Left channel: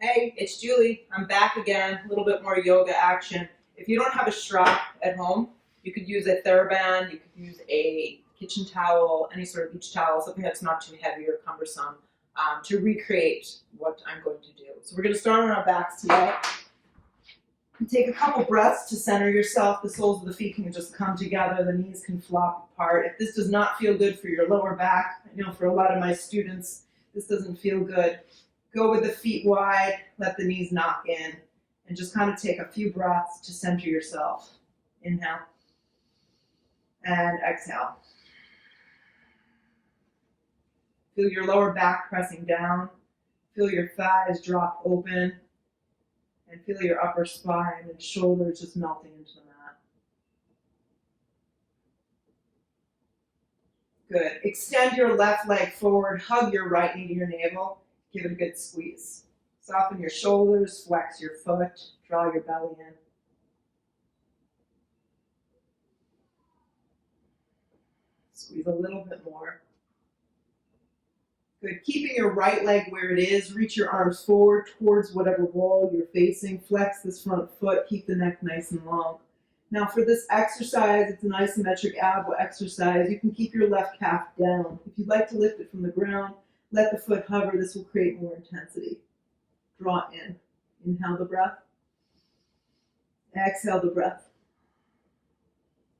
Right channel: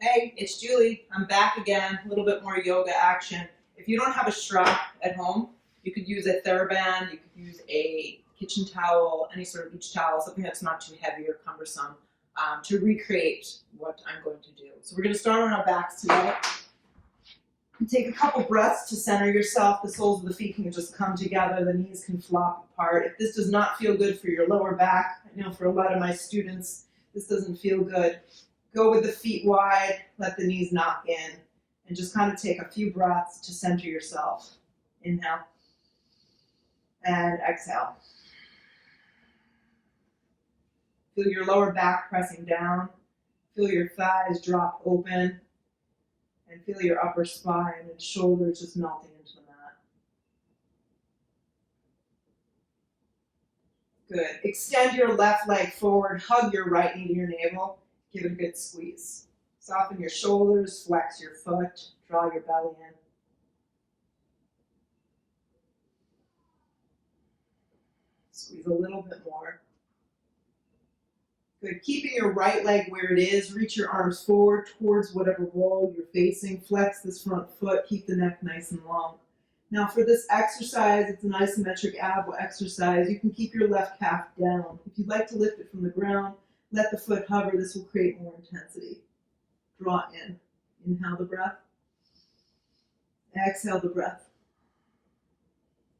Hey, it's Julie. I'm back again. A little bit more yoga action. If you don't have a strap at home, you could use a TheraBand, you could use a kitchen towel, any sort of beach towel, something that's not too heavy or cumbersome to recreate what I'm going to do. So we're going to start on our backs today. Take a couple breaths to center yourself. The soles of the feet can just come together. The knees can flop apart. If this does not feel good for your lower back, I know for a lot of my students, this doesn't feel good. Go with the feet wide, let the knees knock in, and just kind of take a few breaths to center yourself. Inhale and exhale. Feel your lower back pressing down. Feel your thighs drop open. And feel your upper spine and shoulders just melting into the mat. Good. Extend your left leg forward. Hug your right knee to your navel. Give it a good squeeze. Soften your shoulders. Flex your foot. Draw your belly in. Squeeze a little bit more. Good. Keeping your right leg where it is. Reach your arms forward towards whatever wall you're facing. Flex this front foot. Keep the neck nice and long. Now for this exercise, it's an isometric ab exercise. You can keep your left calf down. If you'd like to lift it from the ground, let the foot hover. This will create more intensity. Draw in. Inhale the breath. Exhale the breath.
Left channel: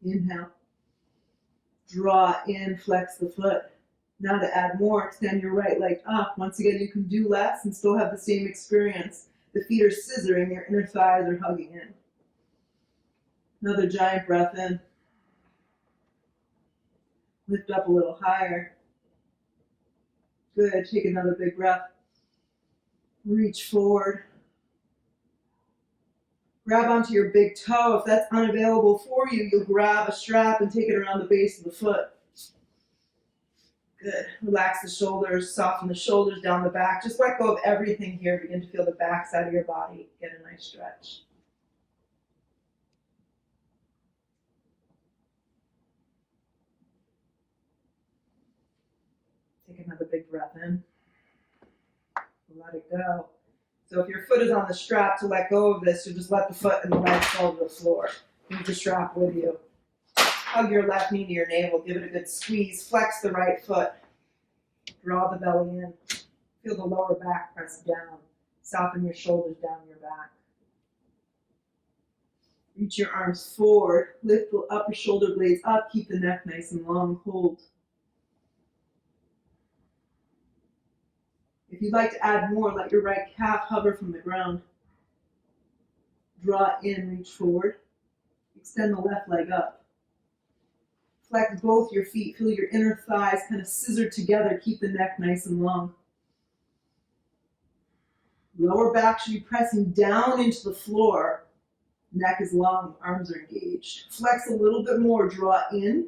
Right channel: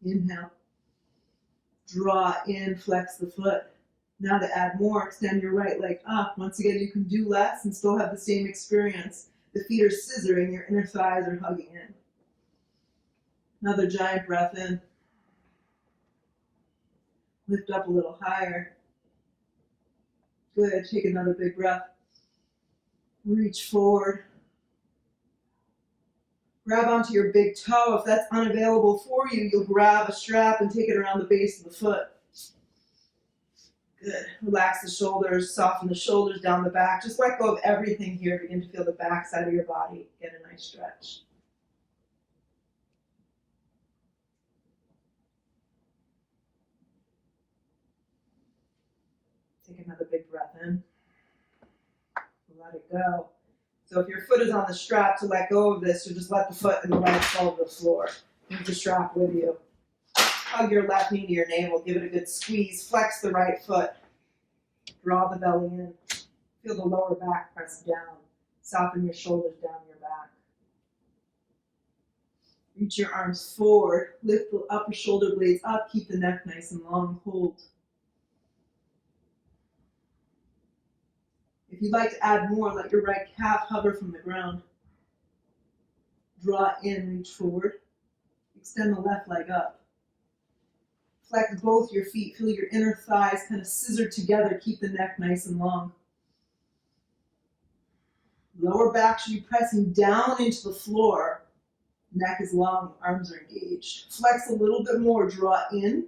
Inhale. Draw in, flex the foot. Now to add more, extend your right leg up. Once again, you can do less and still have the same experience. The feet are scissoring, your inner thighs are hugging in. Another giant breath in. Lift up a little higher. Good, take another big breath. Reach forward. Grab onto your big toe. If that's unavailable for you, you'll grab a strap and take it around the base of the foot. Good. Relax the shoulders, soften the shoulders down the back. Just let go of everything here. Begin to feel the back side of your body. Get a nice stretch. Take another big breath in. Let it go. So if your foot is on the strap, to let go of this, you just let the foot and the leg fall to the floor. Leave the strap with you. Hug your left knee to your navel. Give it a good squeeze. Flex the right foot. Draw the belly in. Feel the lower back press down. Soften your shoulders down your back. Reach your arms forward. Lift the upper shoulder blades up. Keep the neck nice and long. Hold. If you'd like to add more, let your right calf hover from the ground. Draw in, reach forward. Extend the left leg up. Flex both your feet. Feel your inner thighs kind of scissor together. Keep the neck nice and long. Lower back should be pressing down into the floor. Neck is long, arms are engaged. Flex a little bit more. Draw in.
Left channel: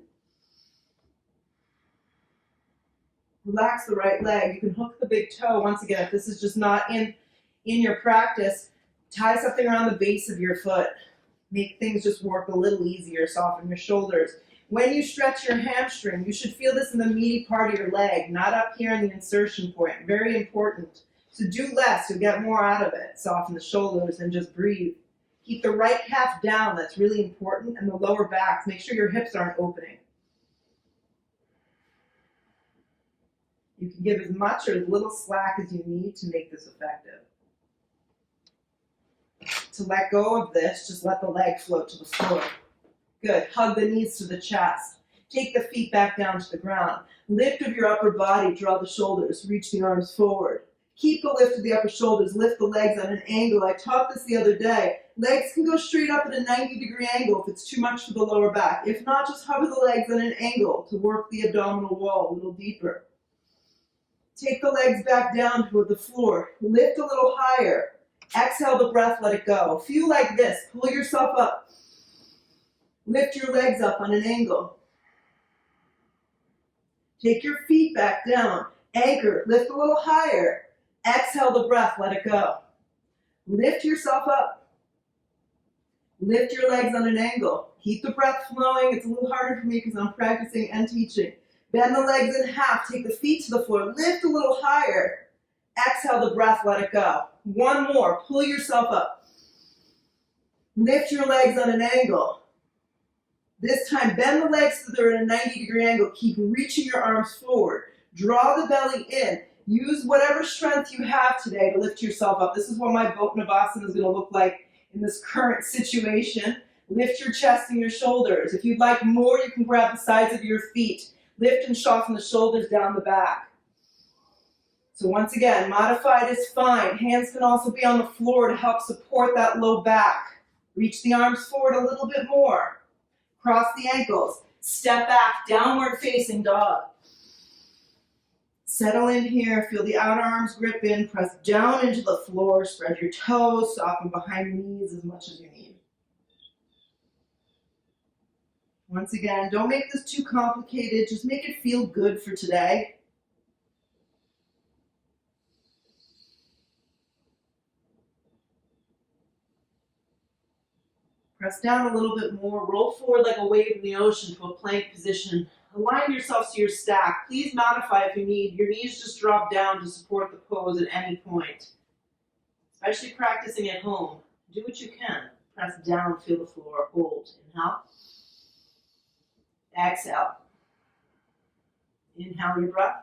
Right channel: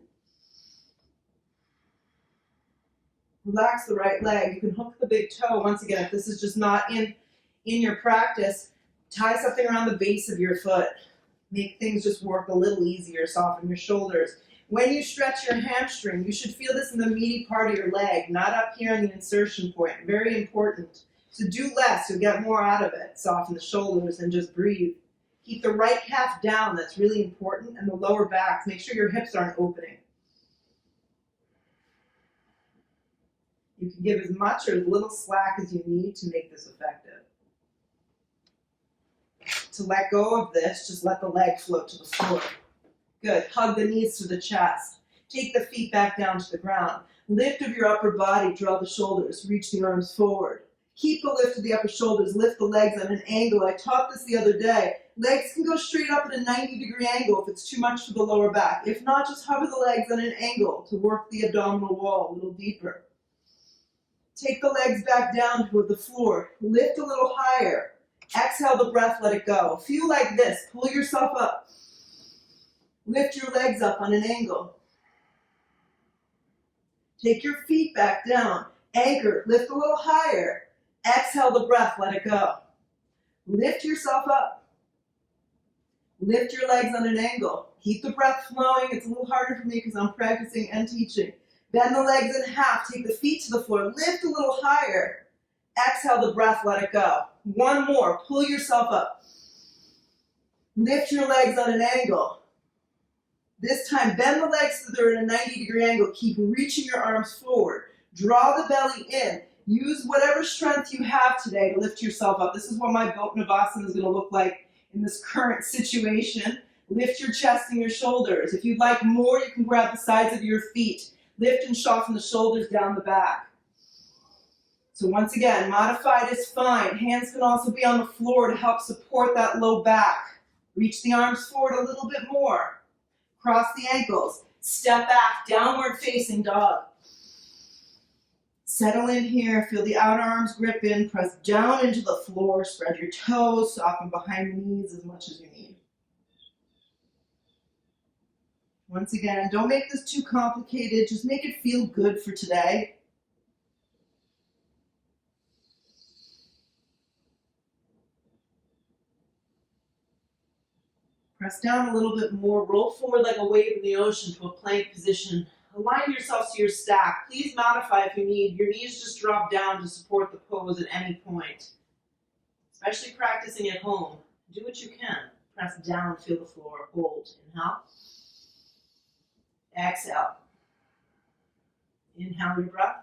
Relax the right leg. You can hook the big toe. Once again, if this is just not in your practice, tie something around the base of your foot. Make things just work a little easier. Soften your shoulders. When you stretch your hamstring, you should feel this in the meaty part of your leg, not up here in the insertion point. Very important. So do less. You'll get more out of it. Soften the shoulders and just breathe. Keep the right calf down. That's really important. And the lower back. Make sure your hips aren't opening. You can give as much or as little slack as you need to make this effective. To let go of this, just let the leg float to the floor. Good. Hug the knees to the chest. Take the feet back down to the ground. Lift of your upper body. Draw the shoulders. Reach the arms forward. Keep the lift of the upper shoulders. Lift the legs at an angle. I taught this the other day. Legs can go straight up at a 90-degree angle if it's too much for the lower back. If not, just hover the legs at an angle to work the abdominal wall a little deeper. Take the legs back down toward the floor. Lift a little higher. Exhale the breath, let it go. Feel like this. Pull yourself up. Lift your legs up on an angle. Take your feet back down. Anchor. Lift a little higher. Exhale the breath, let it go. Lift yourself up. Lift your legs on an angle. Keep the breath flowing. It's a little harder for me because I'm practicing and teaching. Bend the legs in half. Take the feet to the floor. Lift a little higher. Exhale the breath, let it go. One more, pull yourself up. Lift your legs on an angle. This time, bend the legs so they're at a 90-degree angle. Keep reaching your arms forward. Draw the belly in. Use whatever strength you have today to lift yourself up. This is what my boat Navasana is going to look like in this current situation. Lift your chest and your shoulders. If you'd like more, you can grab the sides of your feet. Lift and soften the shoulders down the back. So once again, modified is fine. Hands can also be on the floor to help support that low back. Reach the arms forward a little bit more. Cross the ankles. Step back, downward facing dog. Settle in here. Feel the outer arms grip in. Press down into the floor. Spread your toes. Soften behind the knees as much as you need. Once again, don't make this too complicated. Just make it feel good for today. Press down a little bit more. Roll forward like a wave in the ocean to a plank position. Align yourself to your stack. Please modify if you need. Your knees just drop down to support the pose at any point. Especially practicing at home. Do what you can. Press down, feel the floor. Hold. Inhale. Exhale. Inhale your breath.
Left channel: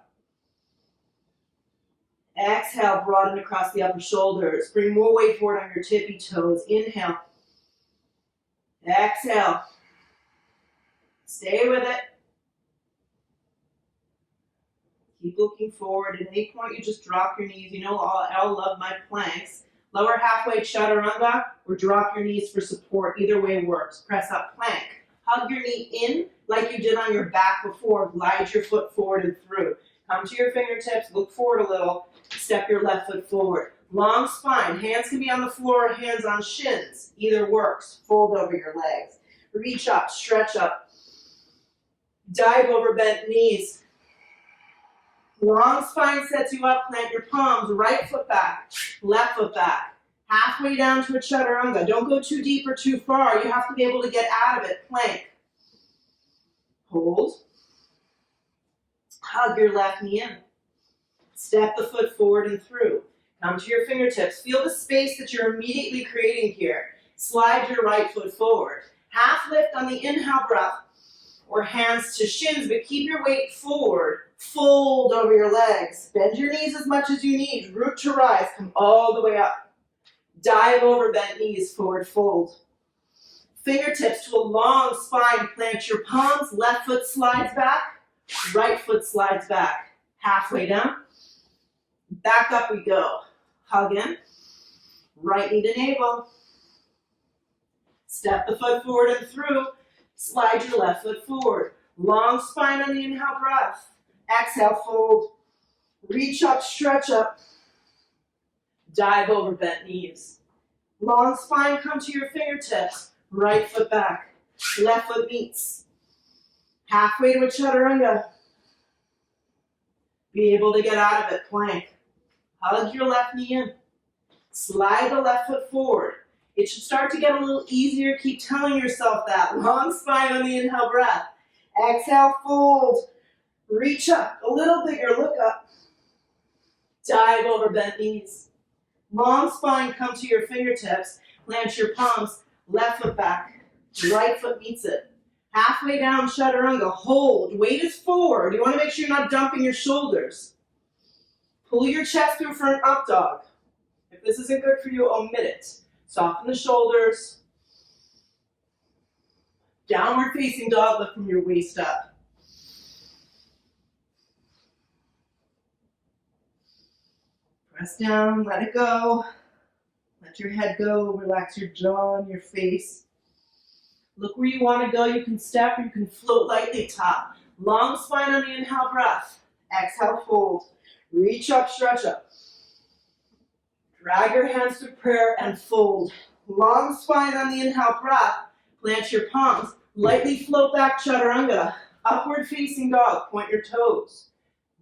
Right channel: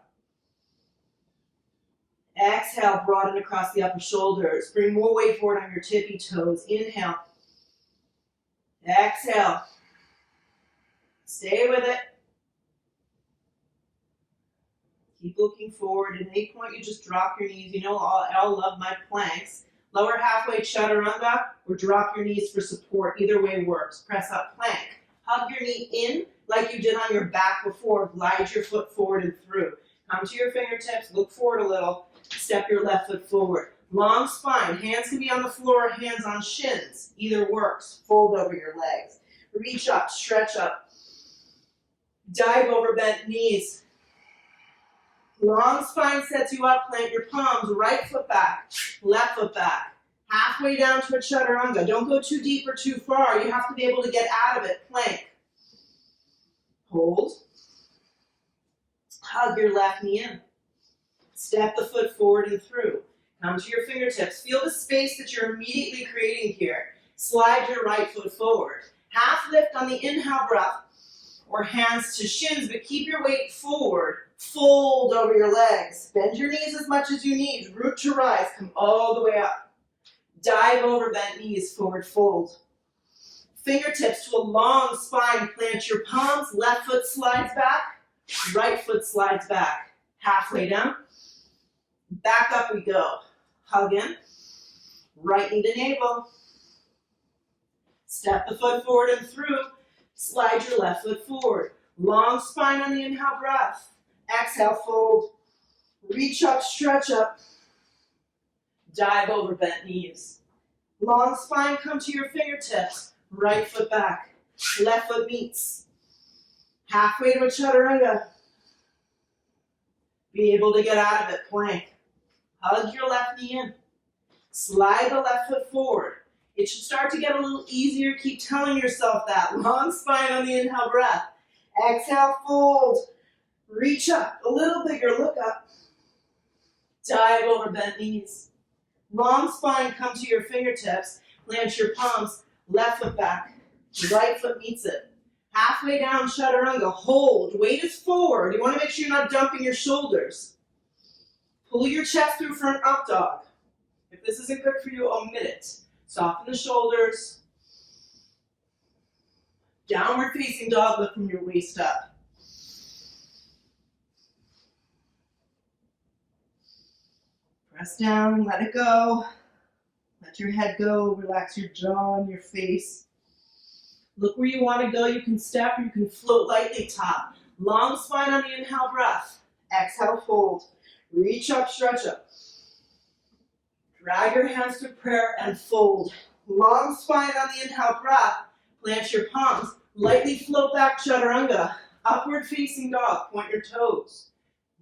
Exhale, broaden across the upper shoulders. Bring more weight forward on your tippy toes. Inhale. Exhale. Stay with it. Keep looking forward. At any point, you just drop your knees. You know, I love my planks. Lower halfway chaturanga or drop your knees for support. Either way works. Press up plank. Hug your knee in like you did on your back before. Glide your foot forward and through. Come to your fingertips. Look forward a little. Step your left foot forward. Long spine. Hands can be on the floor, hands on shins. Either works. Fold over your legs. Reach up, stretch up. Dive over bent knees. Long spine sets you up. Plant your palms. Right foot back. Left foot back. Halfway down to a chaturanga. Don't go too deep or too far. You have to be able to get out of it. Plank. Hold. Hug your left knee in. Step the foot forward and through. Come to your fingertips. Feel the space that you're immediately creating here. Slide your right foot forward. Half lift on the inhale breath or hands to shins, but keep your weight forward. Fold over your legs. Bend your knees as much as you need. Root to rise. Come all the way up. Dive over bent knees. Forward fold. Fingertips to a long spine. Plant your palms. Left foot slides back. Right foot slides back. Halfway down. Back up we go. Hug in. Right knee to navel. Step the foot forward and through. Slide your left foot forward. Long spine on the inhale breath. Exhale, fold. Reach up, stretch up. Dive over bent knees. Long spine, come to your fingertips. Right foot back. Left foot meets. Halfway to a chaturanga. Be able to get out of it, plank. Hug your left knee in. Slide the left foot forward. It should start to get a little easier. Keep telling yourself that. Long spine on the inhale breath. Exhale, fold. Reach up. A little bigger. Look up. Dive over bent knees. Long spine, come to your fingertips. Plant your palms. Left foot back. Right foot meets it. Halfway down, chaturanga. Hold. Weight is forward. You want to make sure you're not dumping your shoulders. Pull your chest through for an up dog. If this isn't good for you, omit it. Soften the shoulders. Downward facing dog, lift from your waist up. Press down, let it go. Let your head go, relax your jaw and your face. Look where you want to go. You can step or you can float lightly top. Long spine on the inhale breath. Exhale, fold. Reach up, stretch up. Drag your hands to prayer and fold. Long spine on the inhale breath. Plant your palms. Lightly float back, chaturanga. Upward facing dog. Point your toes.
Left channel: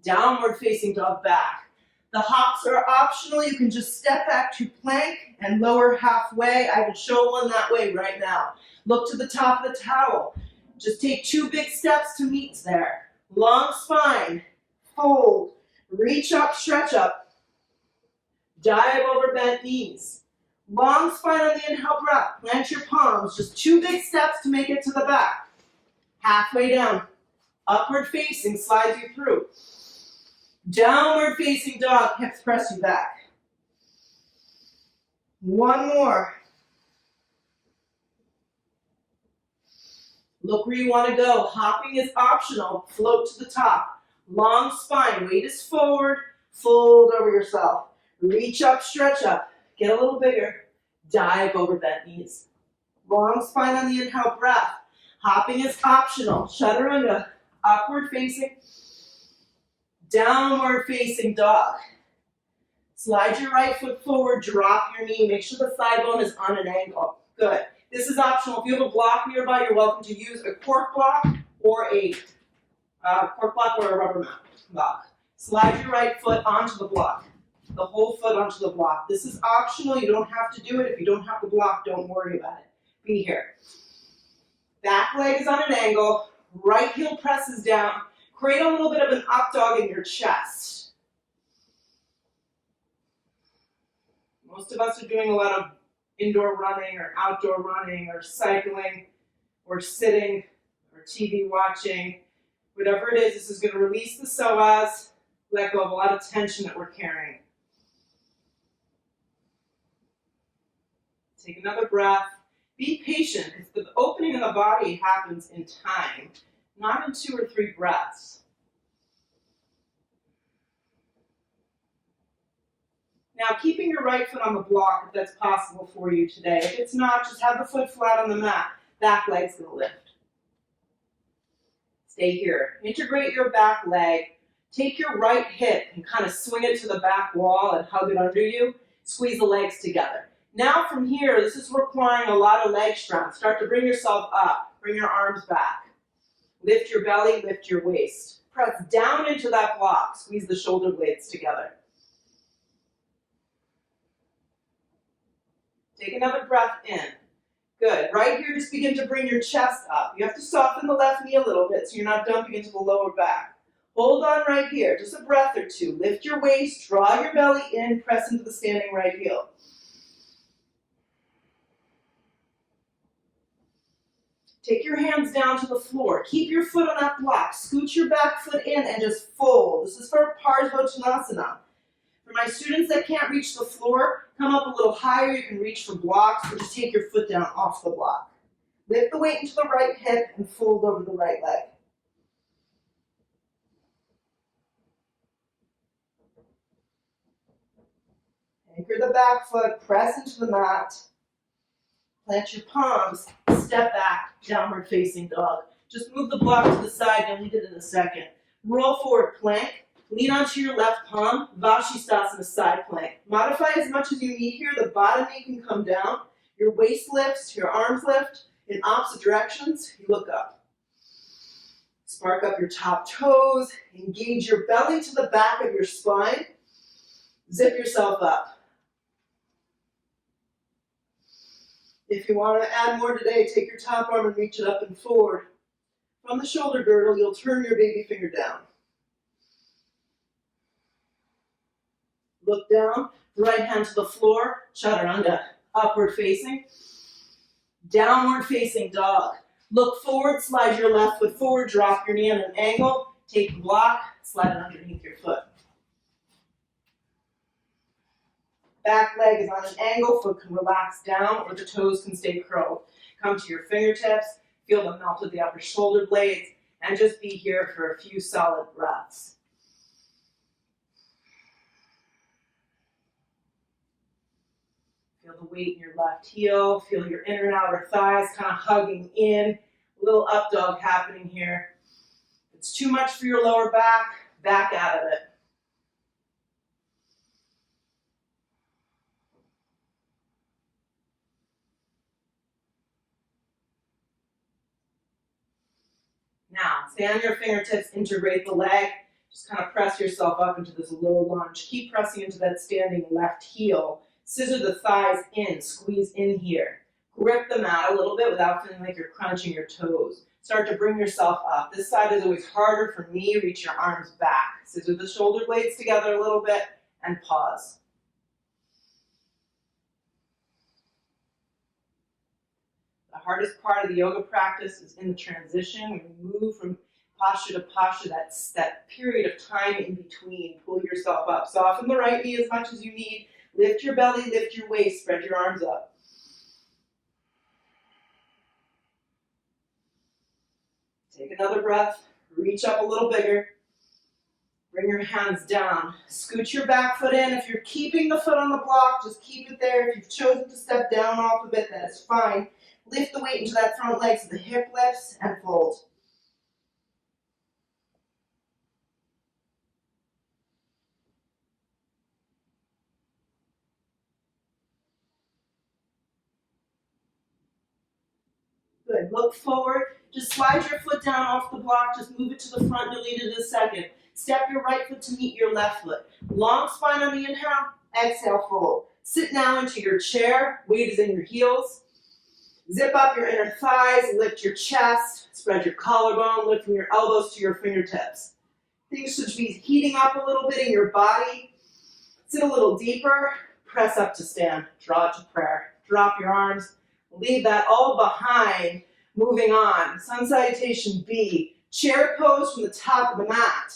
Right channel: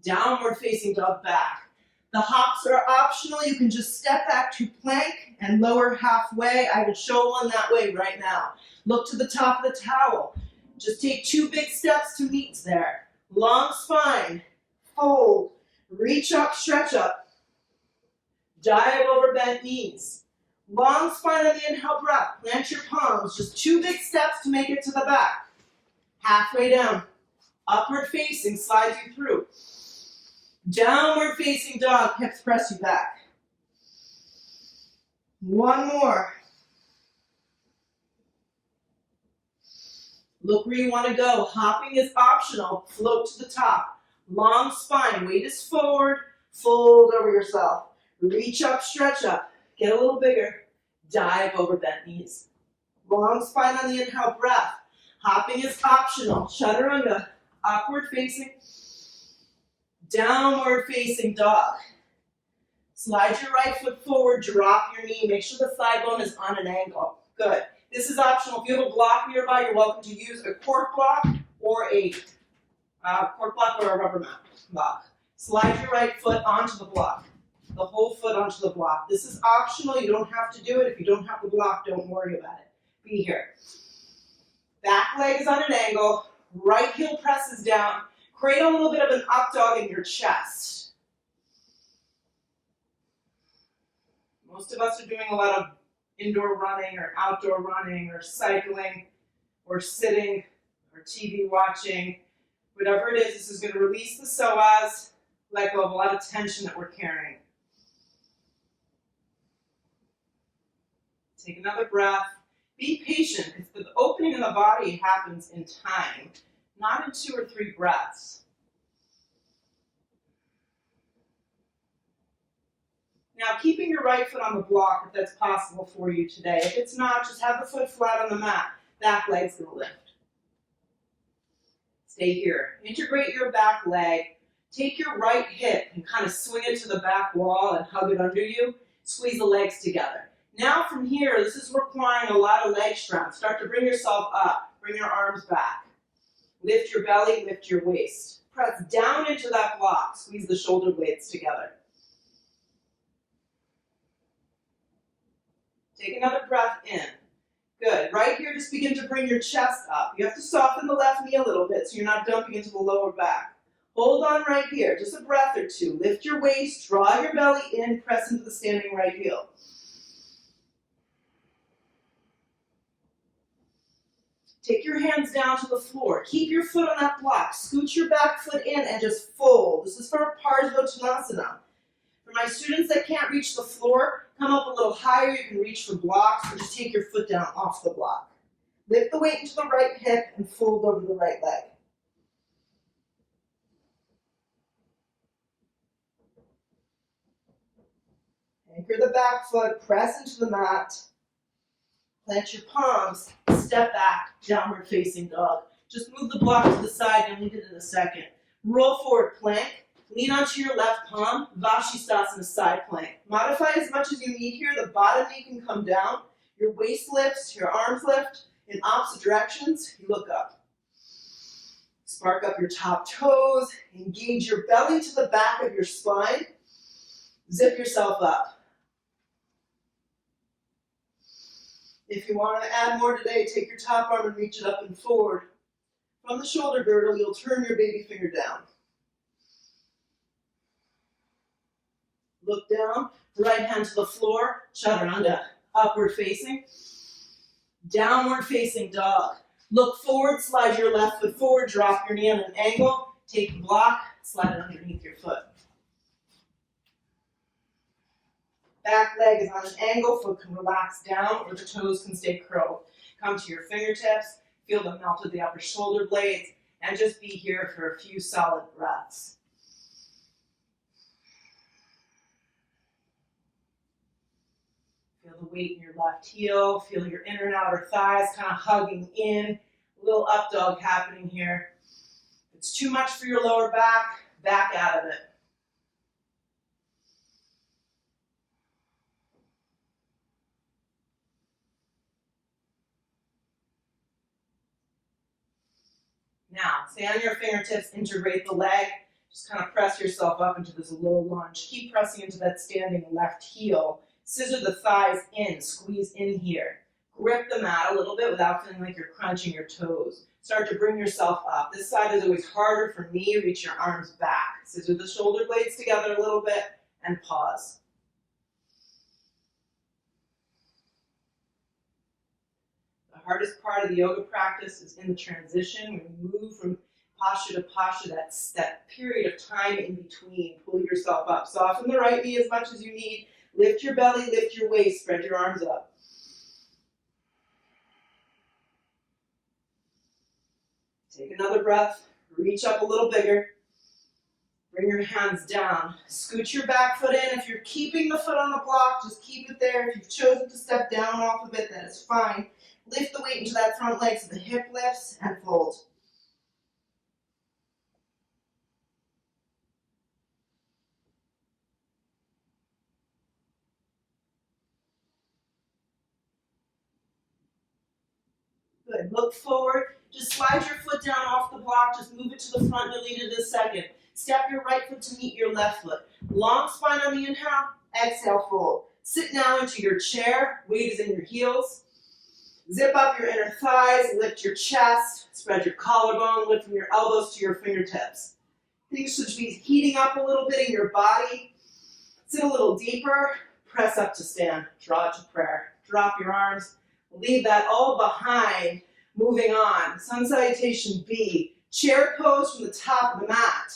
Downward facing dog back. The hops are optional. You can just step back to plank and lower halfway. I will show one that way right now. Look to the top of the towel. Just take 2 big steps to meet there. Long spine. Fold. Reach up, stretch up. Dive over bent knees. Long spine on the inhale breath. Plant your palms. Just 2 big steps to make it to the back. Halfway down. Upward facing slides you through. Downward facing dog. Hips press you back. One more. Look where you want to go. Hopping is optional. Float to the top. Long spine. Weight is forward. Fold over yourself. Reach up, stretch up. Get a little bigger. Dive over bent knees. Long spine on the inhale breath. Hopping is optional. Chaturanga. Upward facing. Downward facing dog. Slide your right foot forward. Drop your knee. Make sure the thigh bone is on an angle. Good. This is optional. If you have a block nearby, you're welcome to use a cork block or a rubber mat block. Slide your right foot onto the block. The whole foot onto the block. This is optional. You don't have to do it. If you don't have the block, don't worry about it. Be here. Back leg is on an angle. Right heel presses down. Create a little bit of an up dog in your chest. Most of us are doing a lot of indoor running or outdoor running or cycling or sitting or TV watching. Whatever it is, this is going to release the psoas, let go of a lot of tension that we're carrying. Take another breath. Be patient, because the opening in the body happens in time, not in 2 or 3 breaths. Now, keeping your right foot on the block, if that's possible for you today. If it's not, just have the foot flat on the mat. Back leg's going to lift. Stay here. Integrate your back leg. Take your right hip and kind of swing it to the back wall and hug it under you. Squeeze the legs together. Now from here, this is requiring a lot of leg strength. Start to bring yourself up. Bring your arms back. Lift your belly, lift your waist. Press down into that block. Squeeze the shoulder blades together. Take another breath in. Good. Right here, just begin to bring your chest up. You have to soften the left knee a little bit so you're not dumping into the lower back. Hold on right here. Just a breath or two. Lift your waist. Draw your belly in. Press into the standing right heel. Take your hands down to the floor. Keep your foot on that block. Scoot your back foot in and just fold. This is for Parsvottanasana. For my students that can't reach the floor, come up a little higher. You can reach for blocks, or just take your foot down off the block. Lift the weight into the right hip and fold over the right leg. Anchor the back foot, press into the mat. Plant your palms, step back, downward facing dog. Just move the block to the side, you'll need it in a second. Roll forward, plank. Lean onto your left palm, Vashisthasana side plank. Modify as much as you need here. The bottom knee can come down. Your waist lifts, your arms lift in opposite directions. You look up. Spark up your top toes. Engage your belly to the back of your spine. Zip yourself up. If you want to add more today, take your top arm and reach it up and forward. From the shoulder girdle, you'll turn your baby finger down. Look down, right hand to the floor, chaturanga, upward facing. Downward facing dog. Look forward, slide your left foot forward, drop your knee at an angle, take the block, slide it underneath your foot. Back leg is on an angle, foot can relax down or the toes can stay curled. Come to your fingertips, feel the melt of the upper shoulder blades, and just be here for a few solid breaths. Feel the weight in your left heel, feel your inner and outer thighs kind of hugging in, a little up dog happening here. If it's too much for your lower back, back out of it. Now, stay on your fingertips, integrate the leg. Just kind of press yourself up into this low lunge. Keep pressing into that standing left heel. Scissor the thighs in, squeeze in here. Grip the mat a little bit without feeling like you're crunching your toes. Start to bring yourself up. This side is always harder for me. Reach your arms back. Scissor the shoulder blades together a little bit and pause. hardest part of the yoga practice is in the transition. When you move from posture to posture, that's that period of time in between. Pull yourself up. Soften the right knee as much as you need. Lift your belly, lift your waist, spread your arms up. Take another breath. Reach up a little bigger. Bring your hands down. Scoot your back foot in. If you're keeping the foot on the block, just keep it there. If you've chosen to step down off of it, that is fine. Lift the weight into that front leg so the hip lifts and fold. Good. Look forward. Just slide your foot down off the block. Just move it to the front. Delete it in a second. Step your right foot to meet your left foot. Long spine on the inhale. Exhale, fold. Sit now into your chair. Weight is in your heels. Zip up your inner thighs. Lift your chest. Spread your collarbone. Lift from your elbows to your fingertips. Things should be heating up a little bit in your body. Sit a little deeper. Press up to stand. Draw to prayer. Drop your arms. Leave that all behind. Moving on. Sun Salutation B. Chair pose from the top of the mat.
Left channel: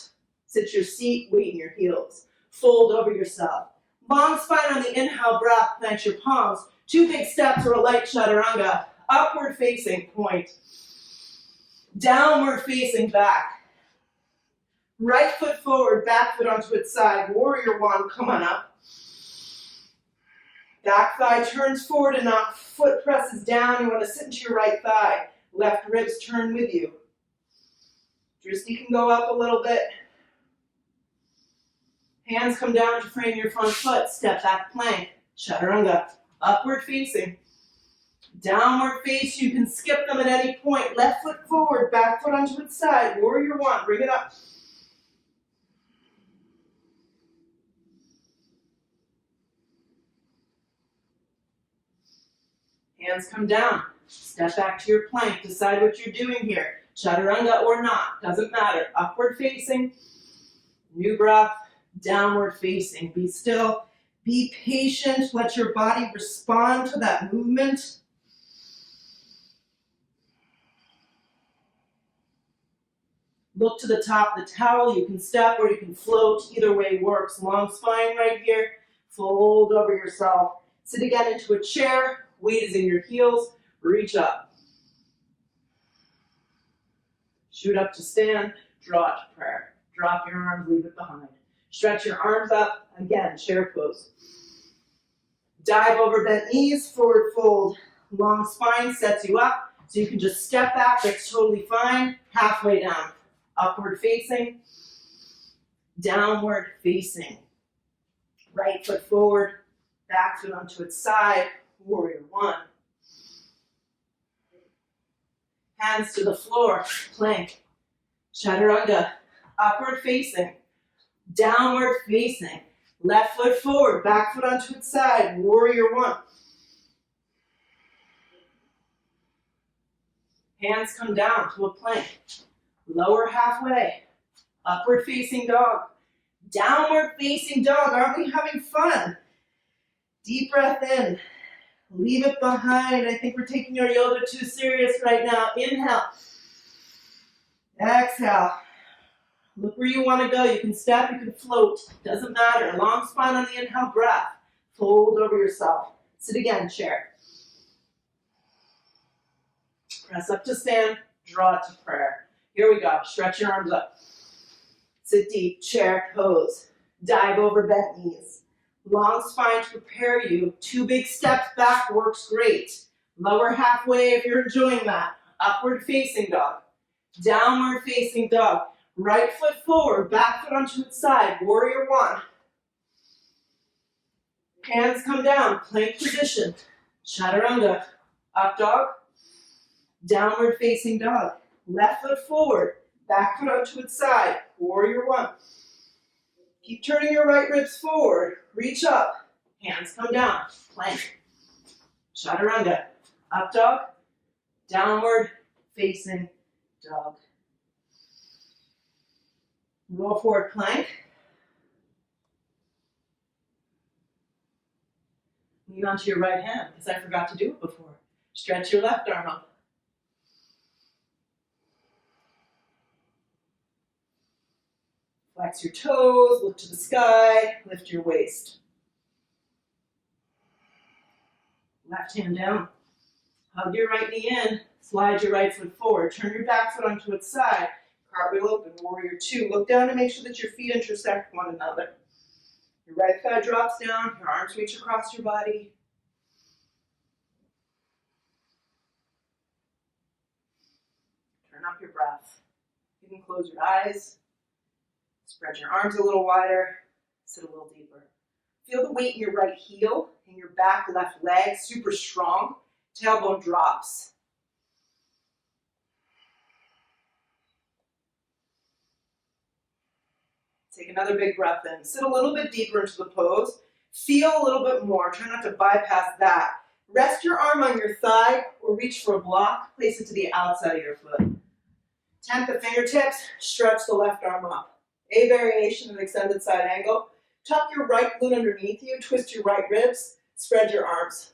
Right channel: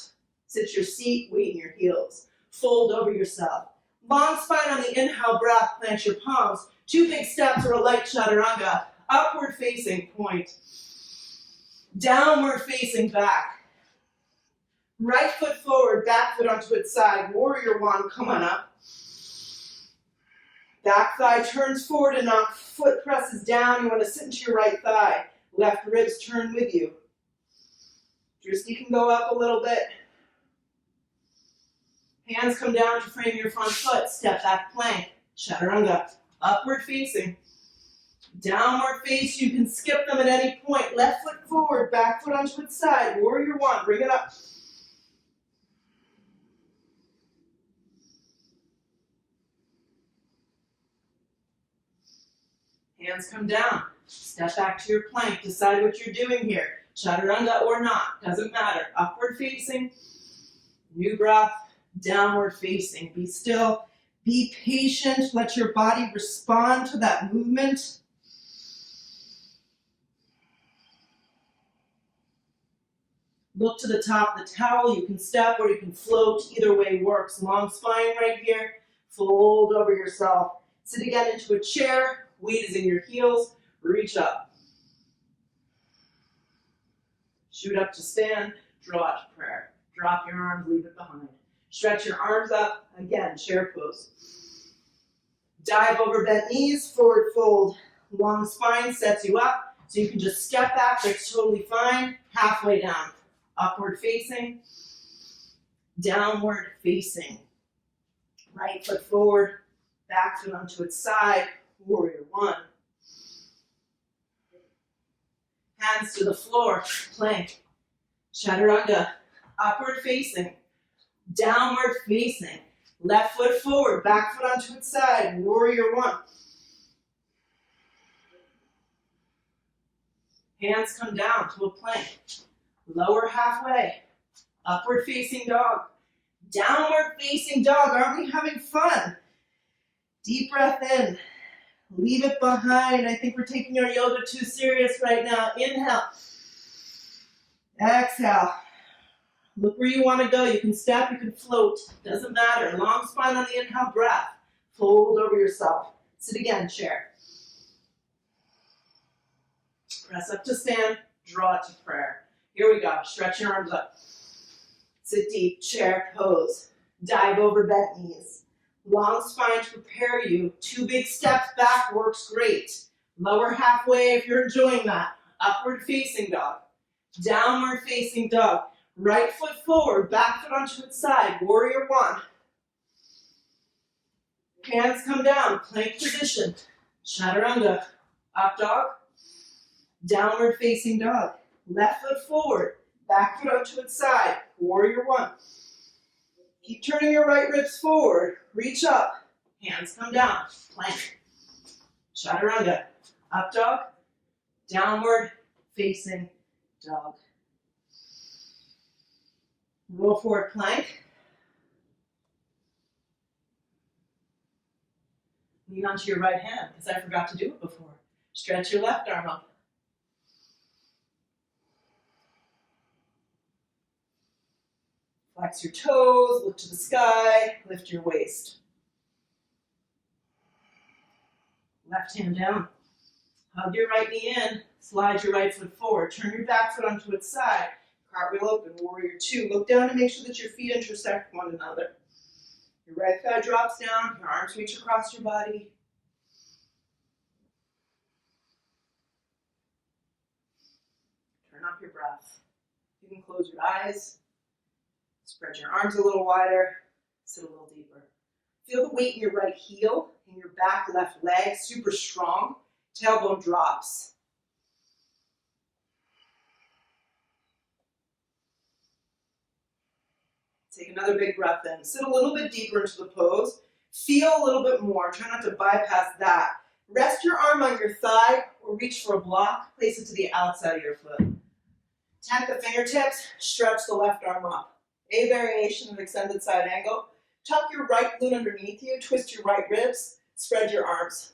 Sit your seat, weight in your heels. Fold over yourself. Long spine on the inhale breath. Plant your palms. 2 big steps or a light chaturanga. Upward facing point. Downward facing back. Right foot forward, back foot onto its side. Warrior one, come on up. Back thigh turns forward enough. Foot presses down. You want to sit into your right thigh. Left ribs turn with you. Drishti can go up a little bit. Hands come down to frame your front foot. Step back plank. Chaturanga. Upward facing. Downward face. You can skip them at any point. Left foot forward. Back foot onto its side. Warrior one. Bring it up. Hands come down. Step back to your plank. Decide what you're doing here. Chaturanga or not. Doesn't matter. Upward facing. New breath. Downward facing. Be still. Be patient. Let your body respond to that movement. Look to the top of the towel. You can step or you can float. Either way works. Long spine right here. Fold over yourself. Sit again into a chair. Weight is in your heels. Reach up. Shoot up to stand. Draw to prayer. Drop your arms. Leave it behind. Stretch your arms up. Again, chair pose. Dive over bent knees. Forward fold. Long spine sets you up. So you can just step back. That's totally fine. Halfway down. Upward facing. Downward facing. Right foot forward. Back foot onto its side. Warrior one. Hands to the floor. Plank. Chaturanga. Upward facing. Downward facing. Left foot forward. Back foot onto its side. Warrior one. Hands come down to a plank. Lower halfway. Upward facing dog. Downward facing dog. Aren't we having fun? Deep breath in. Leave it behind. I think we're taking our yoga too serious right now. Inhale. Exhale. Look where you want to go. You can step, you can float. Doesn't matter. Long spine on the inhale breath. Fold over yourself. Sit again, chair. Press up to stand. Draw to prayer. Here we go. Stretch your arms up. Sit deep. Chair pose. Dive over bent knees. Long spine to prepare you. 2 big steps back works great. Lower halfway if you're enjoying that. Upward facing dog. Downward facing dog. Right foot forward. Back foot onto its side. Warrior one. Hands come down. Plank position. Chaturanga. Up dog. Downward facing dog. Left foot forward. Back foot onto its side. Warrior one. Keep turning your right ribs forward. Reach up. Hands come down. Plank. Chaturanga. Up dog. Downward facing dog. Roll forward plank. Lean onto your right hand because I forgot to do it before. Stretch your left arm up. Flex your toes, look to the sky, lift your waist. Left hand down. Hug your right knee in, slide your right foot forward. Turn your back foot onto its side. Cartwheel open, warrior two. Look down to make sure that your feet intersect one another. Your right thigh drops down, your arms reach across your body. Turn up your breath. You can close your eyes. Spread your arms a little wider. Sit a little deeper. Feel the weight in your right heel and your back left leg, super strong. Tailbone drops. Take another big breath in. Sit a little bit deeper into the pose. Feel a little bit more. Try not to bypass that. Rest your arm on your thigh or reach for a block. Place it to the outside of your foot. Tap the fingertips. Stretch the left arm up. A variation of extended side angle. Tuck your right glute underneath you. Twist your right ribs. Spread your arms.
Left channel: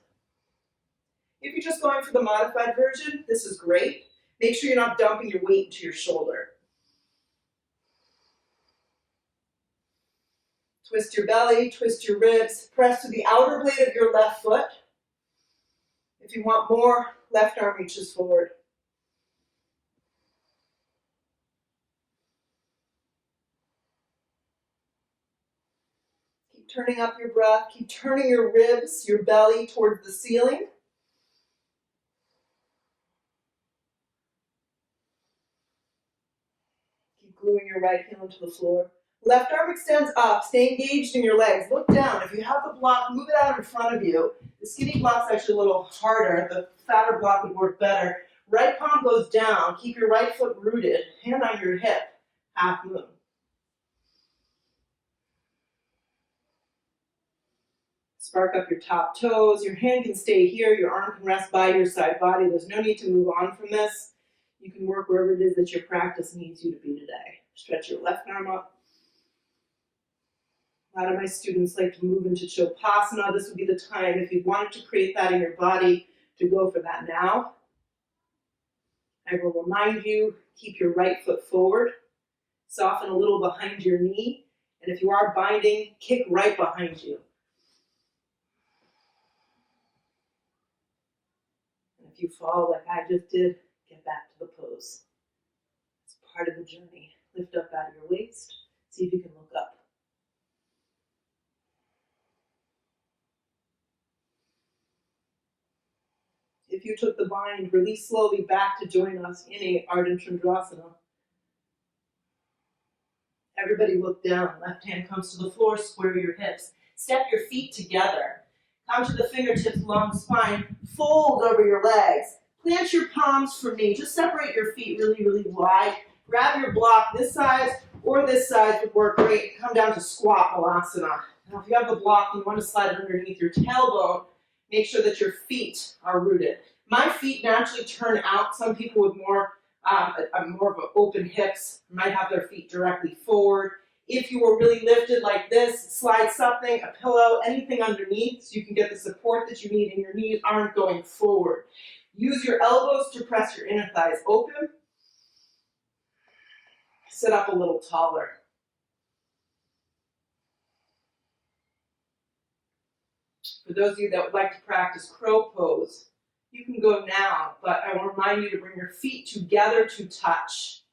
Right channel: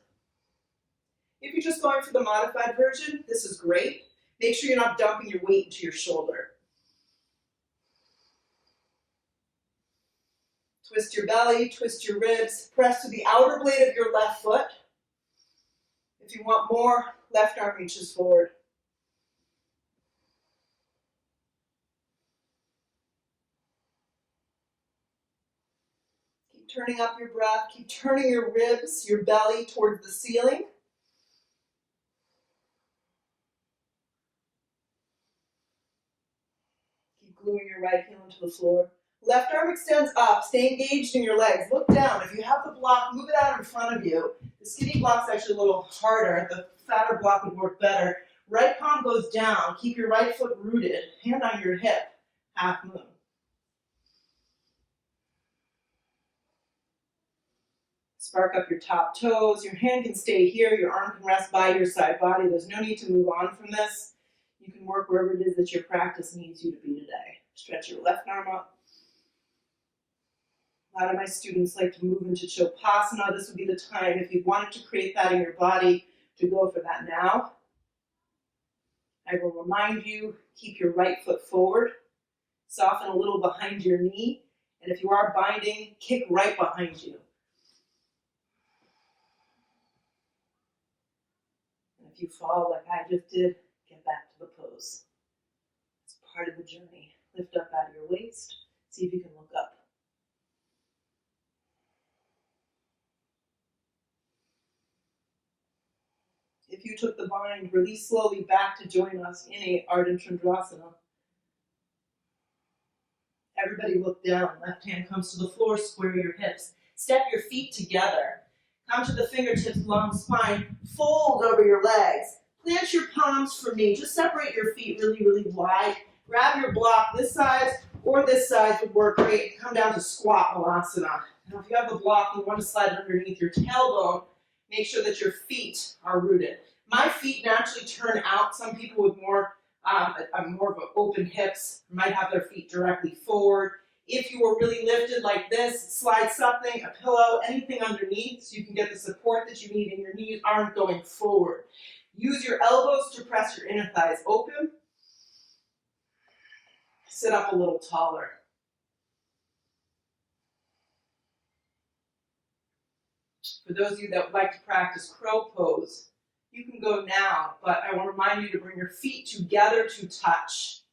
If you're just going for the modified version, this is great. Make sure you're not dumping your weight into your shoulder. Twist your belly, twist your ribs, press to the outer blade of your left foot. If you want more, left arm reaches forward. Keep turning up your breath, keep turning your ribs, your belly towards the ceiling. Keep gluing your right heel into the floor. Left arm extends up, stay engaged in your legs. Look down. If you have the block, move it out in front of you. The skinny block's actually a little harder. The fatter block would work better. Right palm goes down. Keep your right foot rooted. Hand on your hip. Half moon. Spark up your top toes. Your hand can stay here. Your arm can rest by your side body. There's no need to move on from this. You can work wherever it is that your practice needs you to be today. Stretch your left arm up. A lot of my students like to move into Shavasana. This would be the time, if you wanted to create that in your body, to go for that now. I will remind you, keep your right foot forward. Soften a little behind your knee. And if you are binding, kick right behind you. And if you fall like I just did, get back to the pose. It's part of the journey. Lift up out of your waist. See if you can look up. If you took the bind, release slowly back to join us in a Ardha Chandrasana. Everybody look down. Left hand comes to the floor, square your hips. Step your feet together. Come to the fingertips along the spine. Fold over your legs. Plant your palms for me. Just separate your feet really, really wide. Grab your block. This side or this side would work great. Come down to squat malasana. Now if you have the block and you want to slide it underneath your tailbone, make sure that your feet are rooted. My feet naturally turn out. Some people with more of an open hips might have their feet directly forward. If you were really lifted like this, slide something, a pillow, anything underneath so you can get the support that you need and your knees aren't going forward. Use your elbows to press your inner thighs open. Sit up a little taller. For those of you that would like to practice crow pose, you can go now, but I want to remind you to bring your feet together to touch.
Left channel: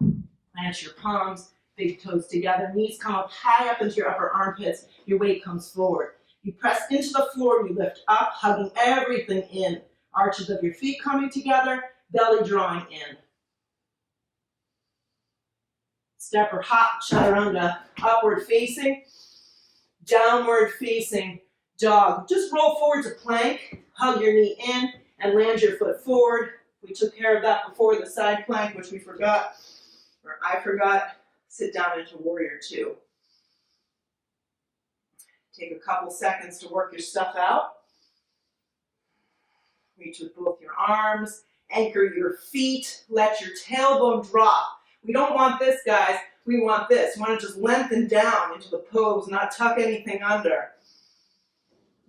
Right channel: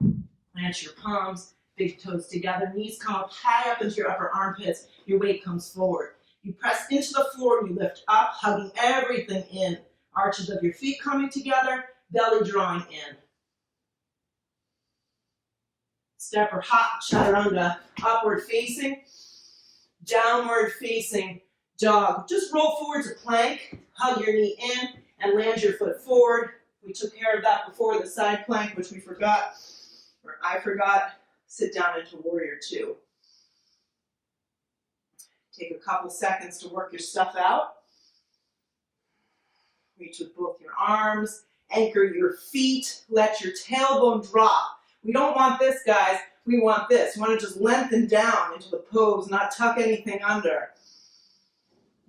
Plant your palms, big toes together, knees come up high up into your upper armpits, your weight comes forward. You press into the floor and you lift up, hugging everything in. Arches of your feet coming together, belly drawing in. Step or hop, chaturanga, upward facing, downward facing dog. Just roll forward to plank, hug your knee in, and land your foot forward. We took care of that before, the side plank, which we forgot, or I forgot. Sit down into warrior two. Take a couple seconds to work your stuff out. Reach with both your arms, anchor your feet, let your tailbone drop. We don't want this, guys. We want this. We want to just lengthen down into the pose, not tuck anything under.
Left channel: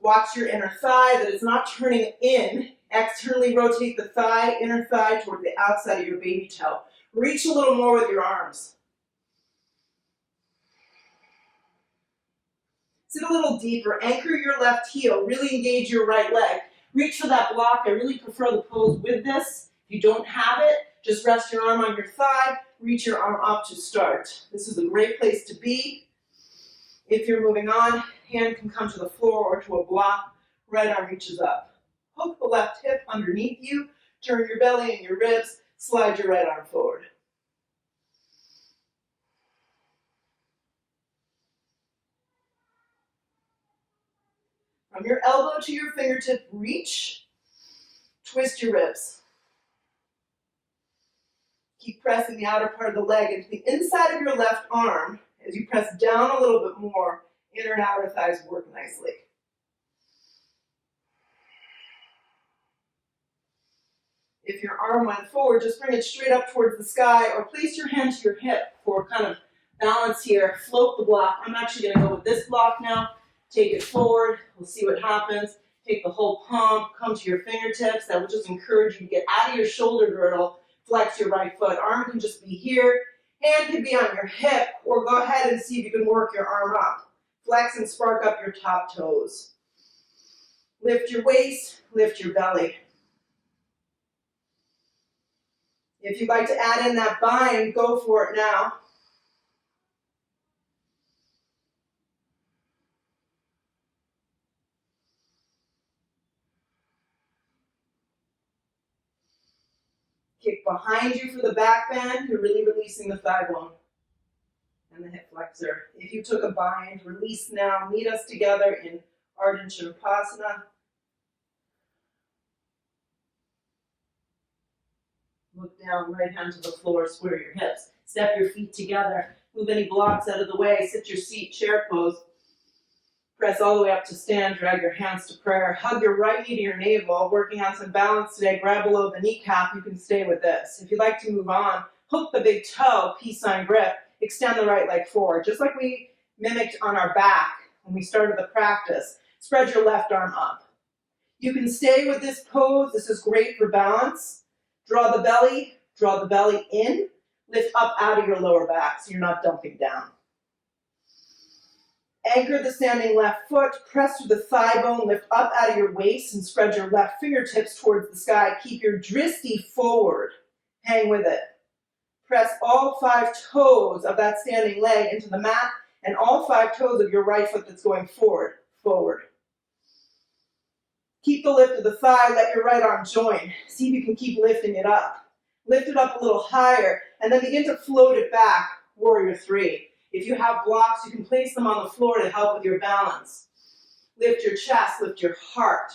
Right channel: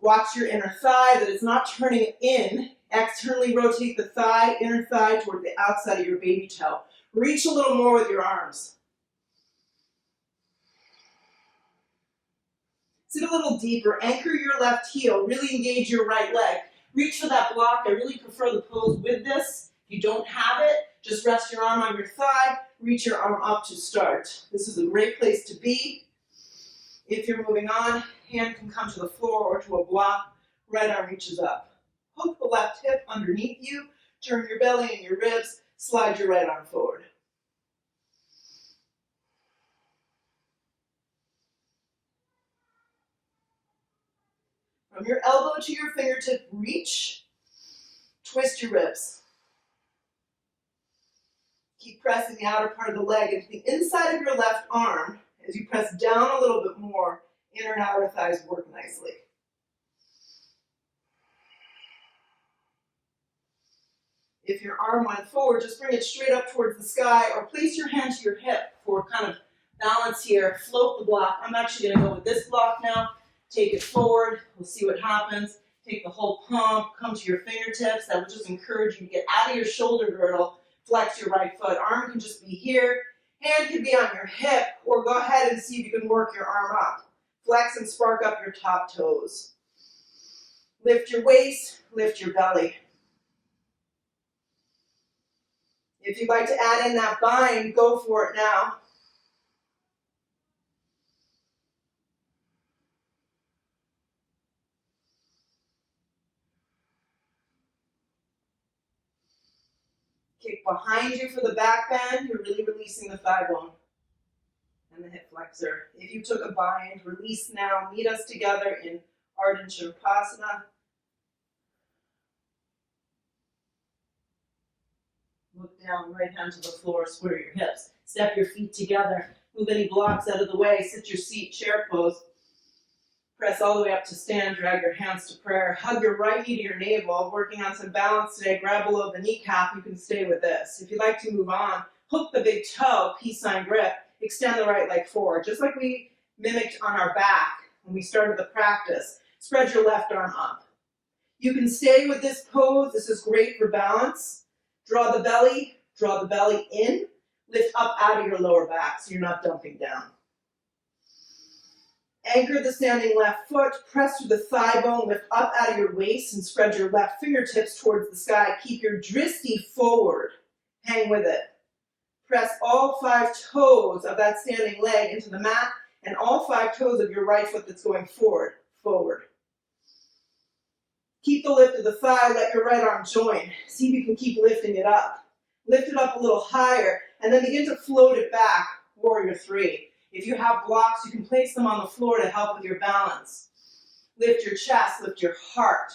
Watch your inner thigh, that it's not turning in. Externally rotate the thigh, inner thigh toward the outside of your baby toe. Reach a little more with your arms. Sit a little deeper. Anchor your left heel. Really engage your right leg. Reach for that block. I really prefer the pose with this. If you don't have it, just rest your arm on your thigh. Reach your arm up to start. This is a great place to be. If you're moving on, hand can come to the floor or to a block. Right arm reaches up. Hook the left hip underneath you. Turn your belly and your ribs. Slide your right arm forward. From your elbow to your fingertip, reach. Twist your ribs. Keep pressing the outer part of the leg into the inside of your left arm. As you press down a little bit more, inner and outer thighs work nicely. If your arm went forward, just bring it straight up towards the sky or place your hand to your hip for kind of balance here. Float the block. I'm actually going to go with this block now. Take it forward. We'll see what happens. Take the whole pump. Come to your fingertips. That will just encourage you to get out of your shoulder girdle. Flex your right foot. Arm can just be here. Hand can be on your hip. Or go ahead and see if you can work your arm up. Flex and spark up your top toes. Lift your waist. Lift your belly. If you'd like to add in that bind, go for it now. Kick behind you for the back bend. You're really releasing the thigh bone and the hip flexor. If you took a bind, release now. Meet us together in Ardha Chandrasana. Look down, right hand to the floor, square your hips. Step your feet together. Move any blocks out of the way. Sit your seat, chair pose. Press all the way up to stand. Drag your hands to prayer. Hug your right knee to your navel. Working on some balance today. Grab below the kneecap. You can stay with this. If you'd like to move on, hook the big toe, peace sign grip. Extend the right leg forward. Just like we mimicked on our back when we started the practice. Spread your left arm up. You can stay with this pose. This is great for balance. Draw the belly in, lift up out of your lower back so you're not dumping down. Anchor the standing left foot, press through the thigh bone, lift up out of your waist and spread your left fingertips towards the sky. Keep your dristi forward, hang with it. Press all 5 toes of that standing leg into the mat and all 5 toes of your right foot that's going forward, forward. Keep the lift of the thigh, let your right arm join. See if you can keep lifting it up. Lift it up a little higher, and then begin to float it back, warrior 3. If you have blocks, you can place them on the floor to help with your balance. Lift your chest, lift your heart.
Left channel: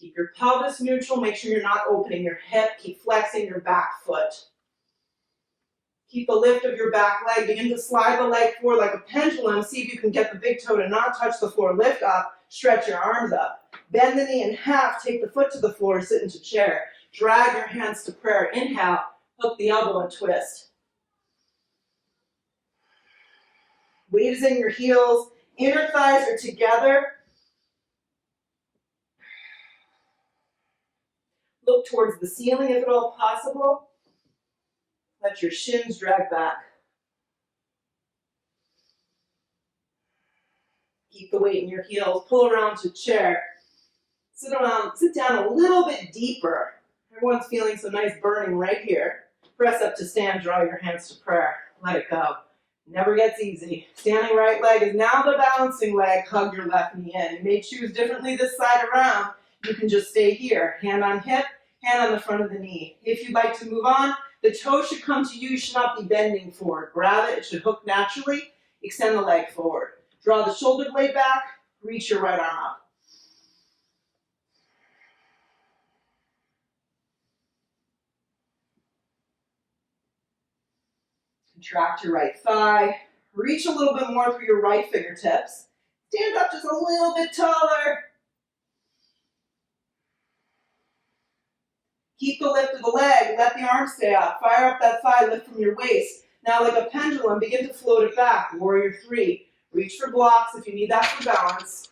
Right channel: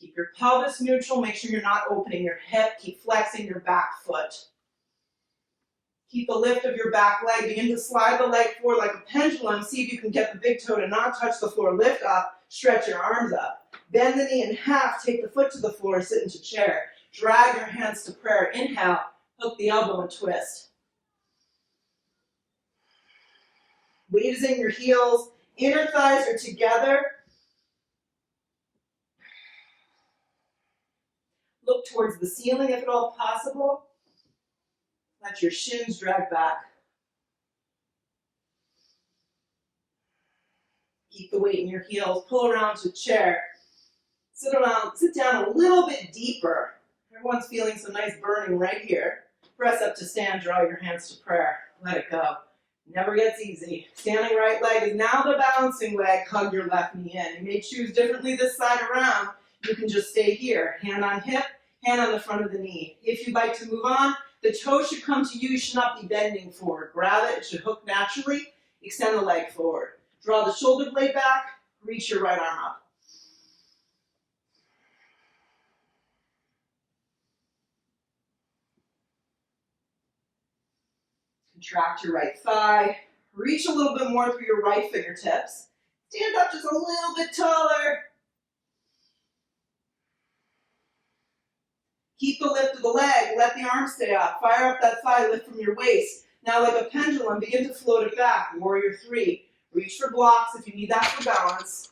Keep your pelvis neutral, make sure you're not opening your hip. Keep flexing your back foot. Keep the lift of your back leg. Begin to slide the leg forward like a pendulum. See if you can get the big toe to not touch the floor. Lift up. Stretch your arms up. Bend the knee in half. Take the foot to the floor. Sit into chair. Drag your hands to prayer. Inhale. Hook the elbow and twist. Weight is in your heels. Inner thighs are together. Look towards the ceiling if at all possible. Let your shins drag back. Keep the weight in your heels. Pull around to chair. Sit down a little bit deeper. Everyone's feeling some nice burning right here. Press up to stand. Draw your hands to prayer. Let it go. Never gets easy. Standing right leg is now the balancing leg. Hug your left knee in. You may choose differently this side around. You can just stay here. Hand on hip, hand on the front of the knee. If you'd like to move on, the toe should come to you. You should not be bending forward. Grab it. It should hook naturally. Extend the leg forward. Draw the shoulder blade back. Reach your right arm up. Contract your right thigh. Reach a little bit more through your right fingertips. Stand up just a little bit taller. Keep the lift of the leg. Let the arm stay up. Fire up that thigh lift from your waist. Now, like a pendulum, begin to float it back. Warrior three. Reach for blocks if you need that for balance.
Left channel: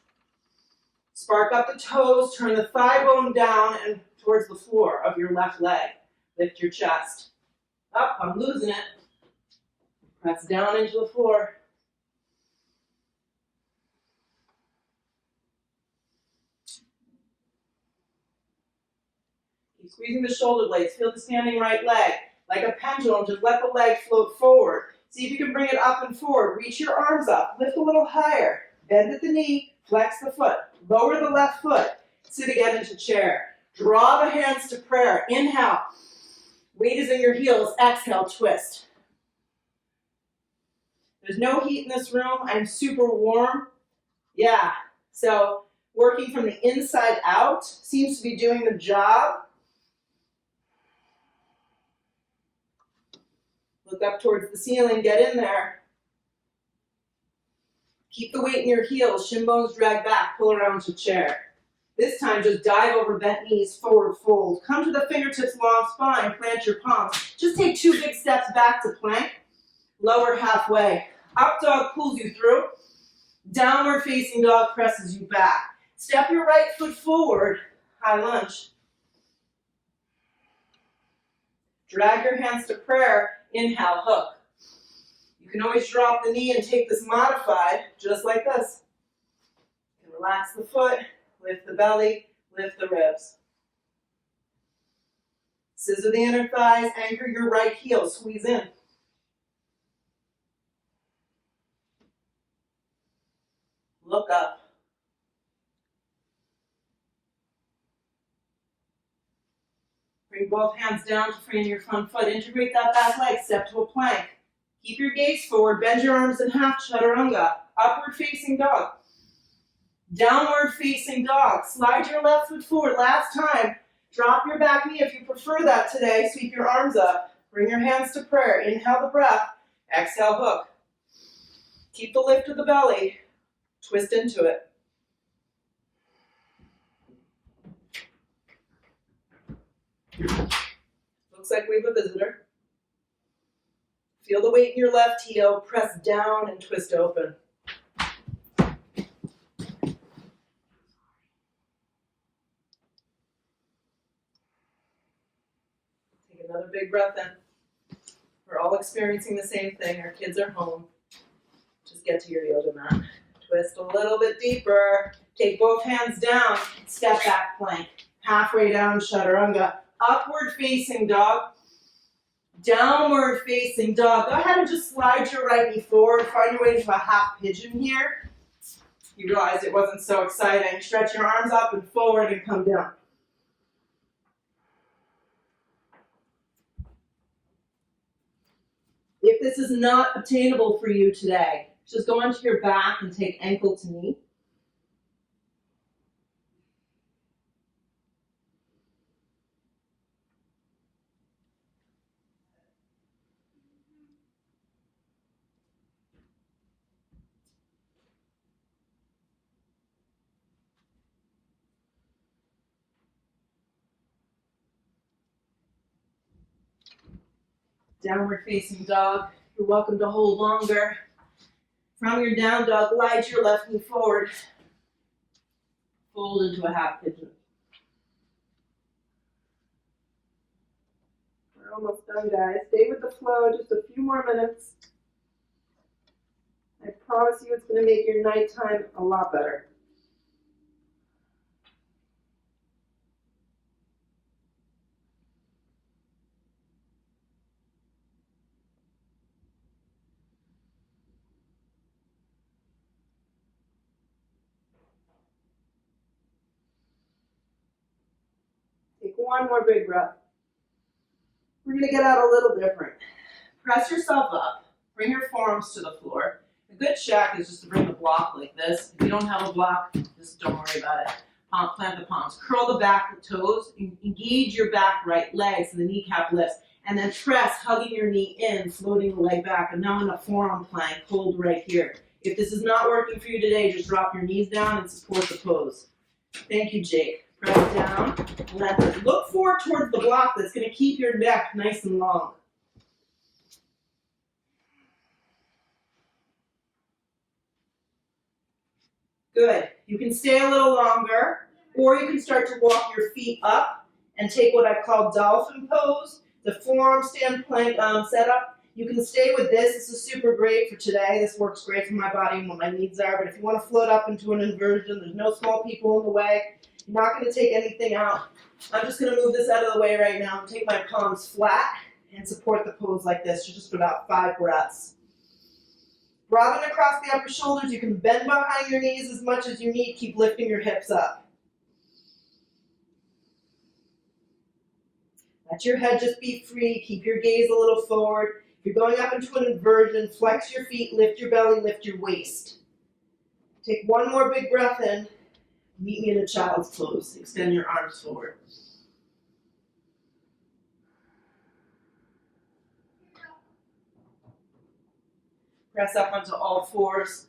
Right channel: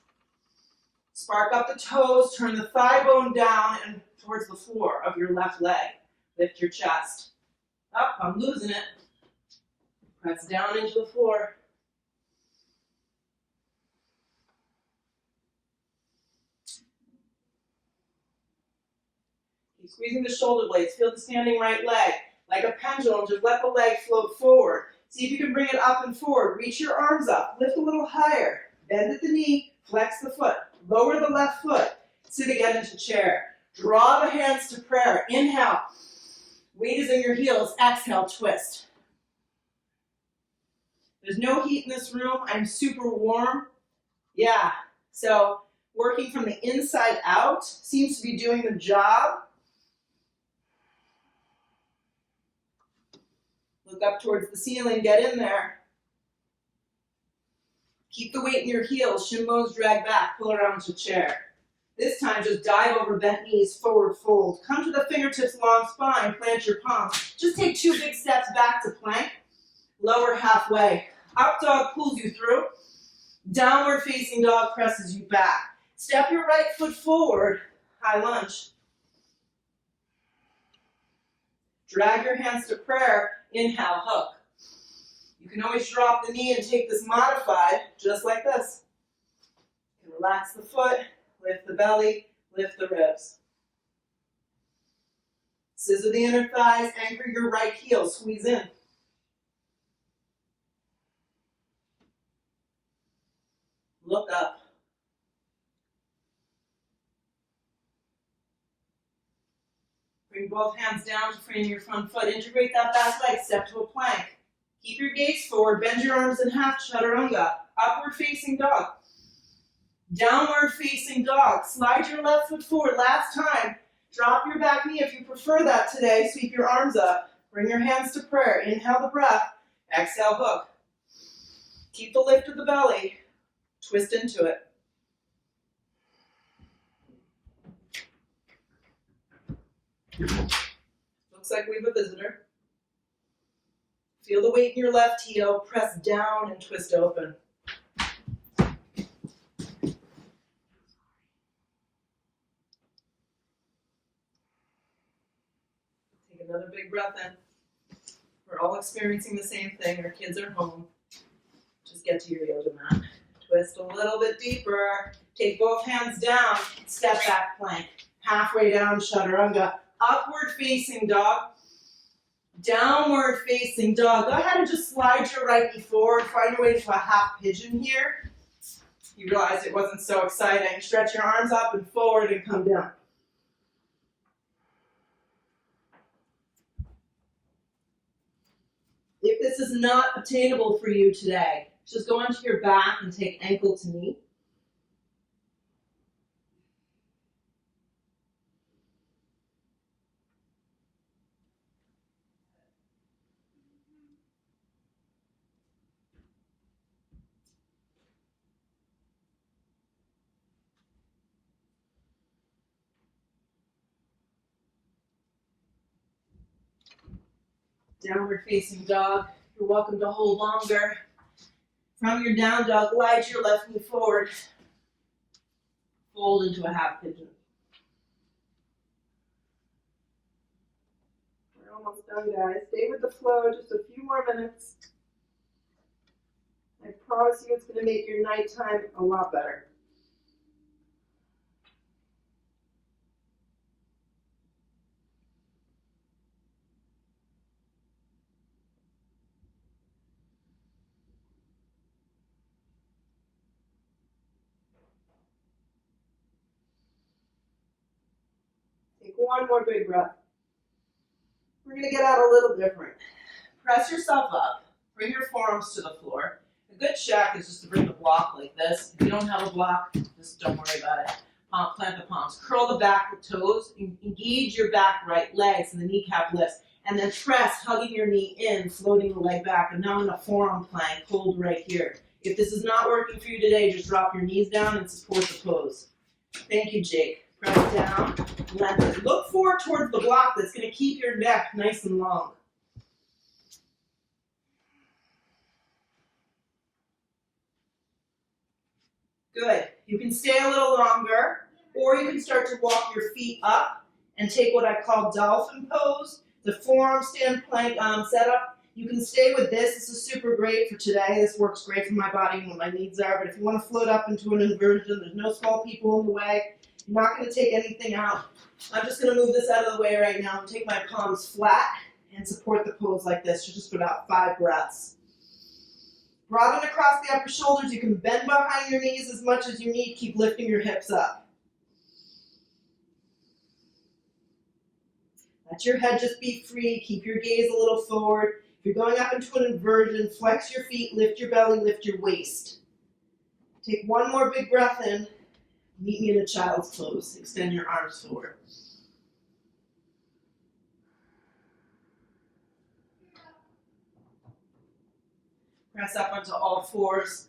Spark up the toes, turn the thigh bone down and towards the floor of your left leg. Lift your chest. Up, I'm losing it. Press down into the floor. Keep squeezing the shoulder blades. Feel the standing right leg. Like a pendulum, just let the leg float forward. See if you can bring it up and forward. Reach your arms up. Lift a little higher. Bend at the knee. Flex the foot. Lower the left foot. Sit again into chair. Draw the hands to prayer. Inhale. Weight is in your heels. Exhale, twist. There's no heat in this room. I'm super warm. Yeah. So working from the inside out seems to be doing the job. Look up towards the ceiling. Get in there. Keep the weight in your heels. Shin bones drag back. Pull around to chair. This time, just dive over bent knees, forward fold. Come to the fingertips, long spine, plant your palms. Just take 2 big steps back to plank. Lower halfway. Up dog pulls you through. Downward facing dog presses you back. Step your right foot forward, high lunge. Drag your hands to prayer, inhale, hook. You can always drop the knee and take this modified, just like this. You can relax the foot. Lift the belly, lift the ribs. Scissor the inner thighs, anchor your right heel, squeeze in. Look up. Bring both hands down to frame your front foot. Integrate that back leg, step to a plank. Keep your gaze forward, bend your arms in half, chaturanga. Upward facing dog. Downward facing dog. Slide your left foot forward. Last time. Drop your back knee if you prefer that today. Sweep your arms up. Bring your hands to prayer. Inhale the breath. Exhale, hook. Keep the lift of the belly. Twist into it. Looks like we have a visitor. Feel the weight in your left heel. Press down and twist open. Another big breath in. We're all experiencing the same thing. Our kids are home. Just get to your yoga mat. Twist a little bit deeper. Take both hands down. Step back plank. Halfway down, chaturanga. Upward facing dog. Downward facing dog. Go ahead and just slide your right knee forward. Find your way to a half pigeon here. You realize it wasn't so exciting. Stretch your arms up and forward and come down. If this is not obtainable for you today, just go onto your back and take ankle to knee. Downward facing dog. You're welcome to hold longer. From your down dog, glide your left knee forward. Fold into a half pigeon. We're almost done, guys. Stay with the flow just a few more minutes. I promise you it's going to make your nighttime a lot better. Take one more big breath. We're going to get out a little different. Press yourself up. Bring your forearms to the floor. A good check is just to bring the block like this. If you don't have a block, just don't worry about it. Plant the palms. Curl the back of toes. Engage your back right leg so the kneecap lifts. And then press, hugging your knee in, floating the leg back. And now in a forearm plank, hold right here. If this is not working for you today, just drop your knees down and support the pose. Thank you, Jake. Press down, lengthen. Look forward towards the block that's going to keep your neck nice and long. Good. You can stay a little longer, or you can start to walk your feet up and take what I call dolphin pose, the forearm stand plank setup. You can stay with this. This is super great for today. This works great for my body and what my needs are. But if you want to float up into an inversion, there's no small people in the way. You're not going to take anything out. I'm just going to move this out of the way right now and take my palms flat and support the pose like this just for about 5 breaths. Broaden across the upper shoulders. You can bend behind your knees as much as you need. Keep lifting your hips up. Let your head just be free. Keep your gaze a little forward. If you're going up into an inversion, flex your feet, lift your belly, lift your waist. Take one more big breath in. Meet me in a child's pose. Extend your arms forward. Press up onto all fours.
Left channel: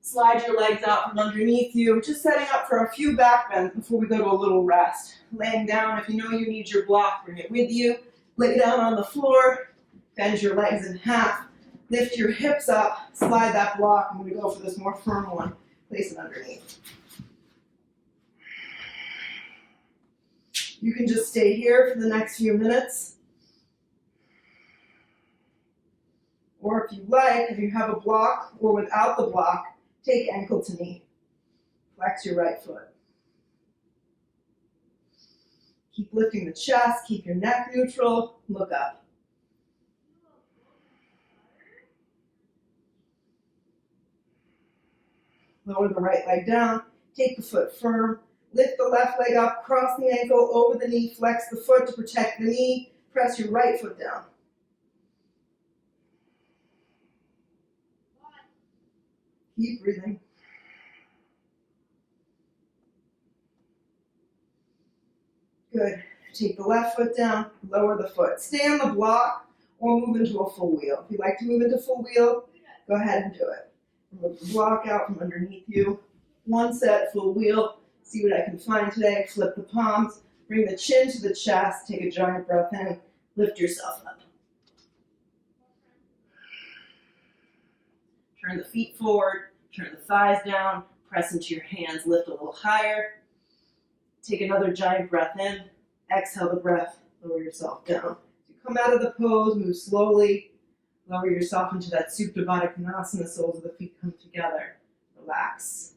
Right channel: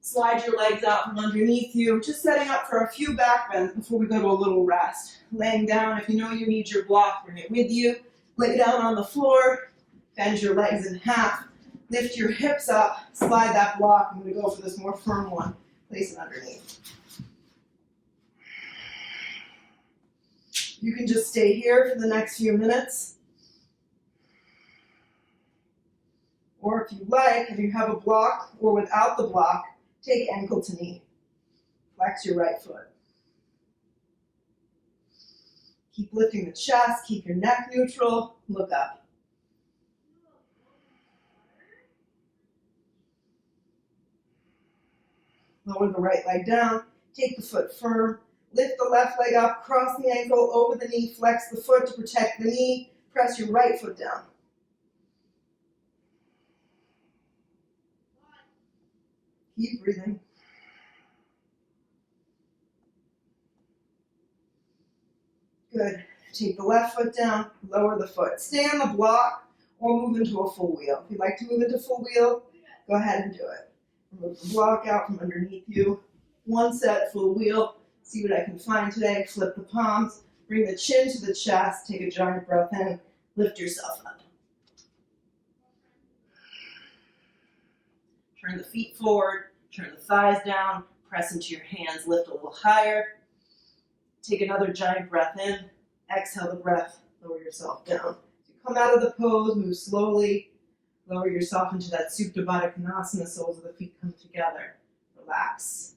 Slide your legs out from underneath you. Just setting up for a few back bends before we go to a little rest. Laying down, if you know you need your block, bring it with you. Lay down on the floor. Bend your legs in half. Lift your hips up. Slide that block. I'm going to go for this more firm one. Place it underneath. You can just stay here for the next few minutes. Or if you like, if you have a block or without the block, take ankle to knee. Flex your right foot. Keep lifting the chest, keep your neck neutral, look up. Lower the right leg down, take the foot firm, lift the left leg up, cross the ankle over the knee, flex the foot to protect the knee, press your right foot down. Keep breathing. Good. Take the left foot down, lower the foot. Stay on the block or move into a full wheel. If you'd like to move into full wheel, go ahead and do it. Move the block out from underneath you. One set, full wheel. See what I can find today. Flip the palms. Bring the chin to the chest. Take a giant breath in. Lift yourself up. Turn the feet forward. Turn the thighs down. Press into your hands. Lift a little higher. Take another giant breath in. Exhale the breath. Lower yourself down. As you come out of the pose, move slowly. Lower yourself into that Supta Baddha Konasana. Soles of the feet come together. Relax.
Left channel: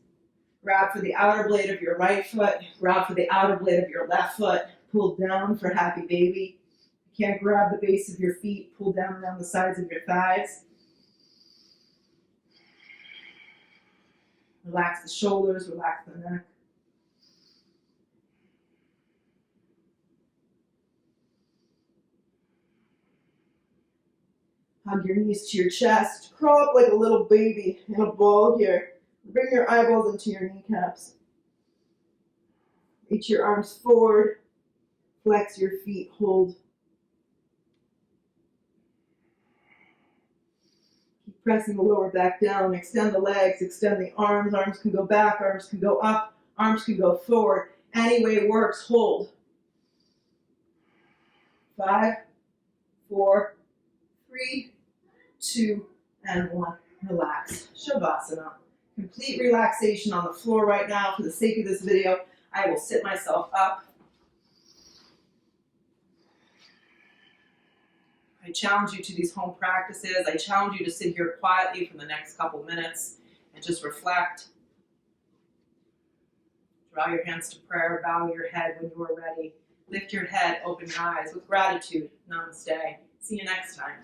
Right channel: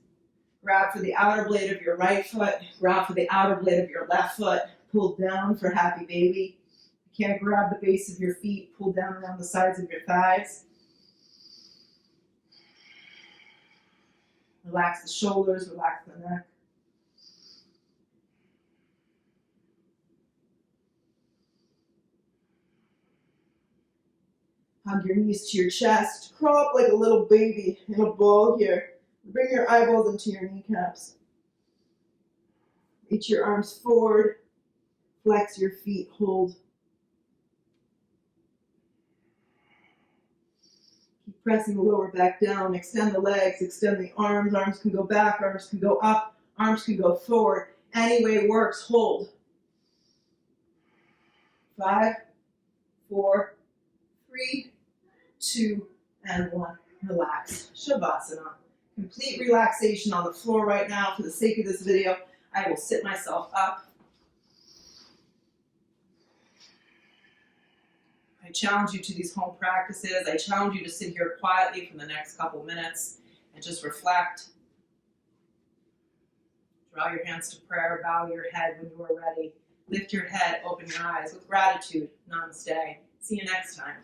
Grab for the outer blade of your right foot. Grab for the outer blade of your left foot. Pull down for happy baby. If you can't grab the base of your feet, pull down around the sides of your thighs. Relax the shoulders. Relax the neck. Hug your knees to your chest. Crawl up like a little baby in a ball here. Bring your eyeballs into your kneecaps. Reach your arms forward. Flex your feet. Hold. Keep pressing the lower back down. Extend the legs. Extend the arms. Arms can go back. Arms can go up. Arms can go forward. Any way works. Hold. 5, 4, 3, 2, and 1. Relax. Shavasana. Complete relaxation on the floor right now. For the sake of this video, I will sit myself up. I challenge you to these home practices. I challenge you to sit here quietly for the next couple minutes and just reflect. Draw your hands to prayer. Bow your head when you are ready. Lift your head. Open your eyes with gratitude. Namaste. See you next time.